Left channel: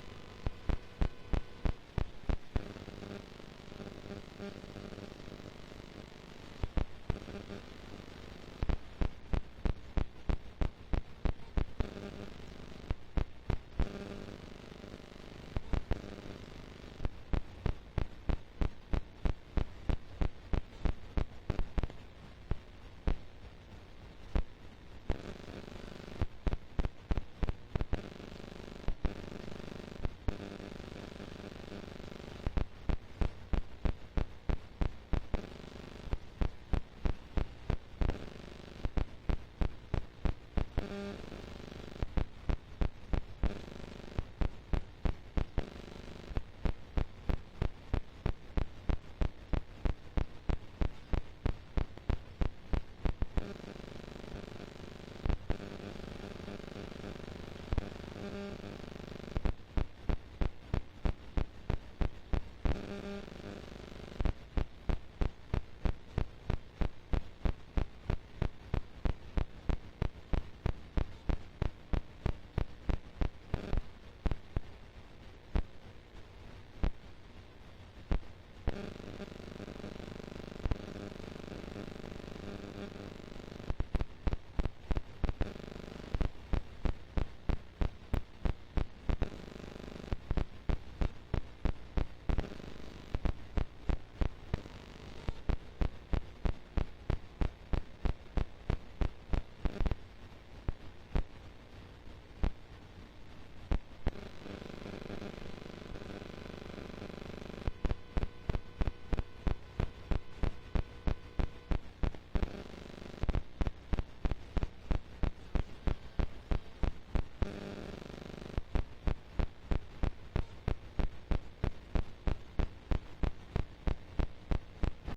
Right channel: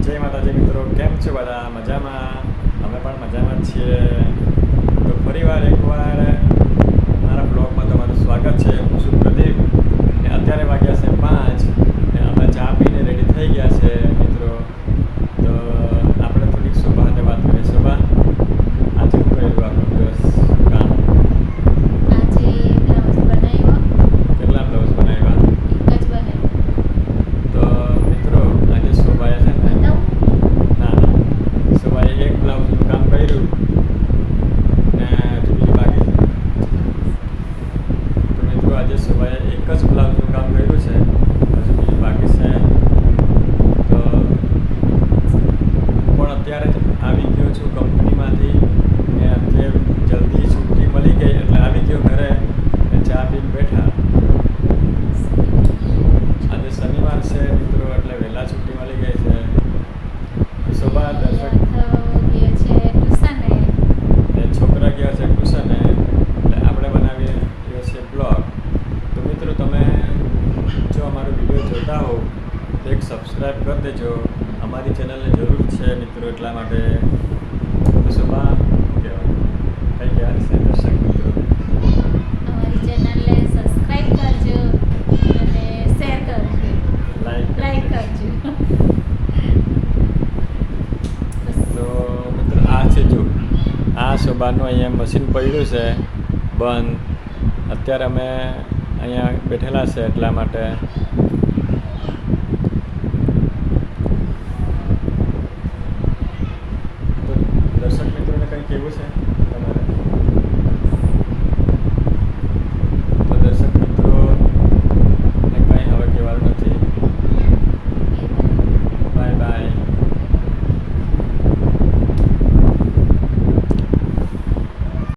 જય માતાજી મિત્રો, કેમ છો બધા? મજામાં? અમે પણ મજામાં જ છીએ. તો ફરીવાર એકવાર મારા બ્લોગમાં તમારું સ્વાગત છે. હું છું પ્રદીપ ને અત્યારે વાગ્યા છે 5 ને અમે ચા પીને રેડી થઈ ગયા છે મિત્રો. તો આપણે થોડીક શોભા સાથે વાત કરીએ. શોભા, આજે શું કર્યું આખો દિવસ કામ? આજે બ્લાઉઝ બનાવ્યો. કેટલા બ્લાઉઝ બનાવ્યા? એક જ બનાવ્યો. તો મિત્રો આજે શોભાએ છે ને બતાવું? ના શોભાએ એક બ્લાઉઝનું કામ કર્યું ને હજુ બીજું બાકી છે. તો મિત્રો આજે શોભાએ એક જ બ્લાઉઝનું કામ કર્યું છે, હજુ બીજું બાકી છે. તો પણ અત્યારે જ આવી ગયો છું કંપનીમાંથી ને આજે જલ્દી છુટ્ટી મળી ગઈ એટલે આવી ગયો ઘરે ને ચા પીને બેઠા. આજે શનિવાર છે મિત્રો એટલે વહેલા છુટ્ટી મળી ગઈ છે. શોભા દર્શક ગયા છે ટ્યુશને. ને છોકરા ગયા છે ટ્યુશને એટલે આપણે બનાવીએ એ છે બ્લોગ. તો મિત્રો તમે જો અમારો વિડીયો જોતા હો તો એક સબસ્ક્રાઈબ કરી દેજો. અમારી ચેનલને જરૂર છે મિત્રો, એટલા માટે. તો શોભા શું કહેવાનું કંઈ કહેવાની છે દર્શક મિત્રો? અમારી ચેનલને સબસ્ક્રાઇબ કરજો અને શેર કરજો, લાઈક કરજો. તો મિત્રો આ છે જો આ શોભાનું અહીંયા મશીન પડ્યું છે બંધ. અત્યારે અમે અહીંયા બેઠેલા છે એટલા માટે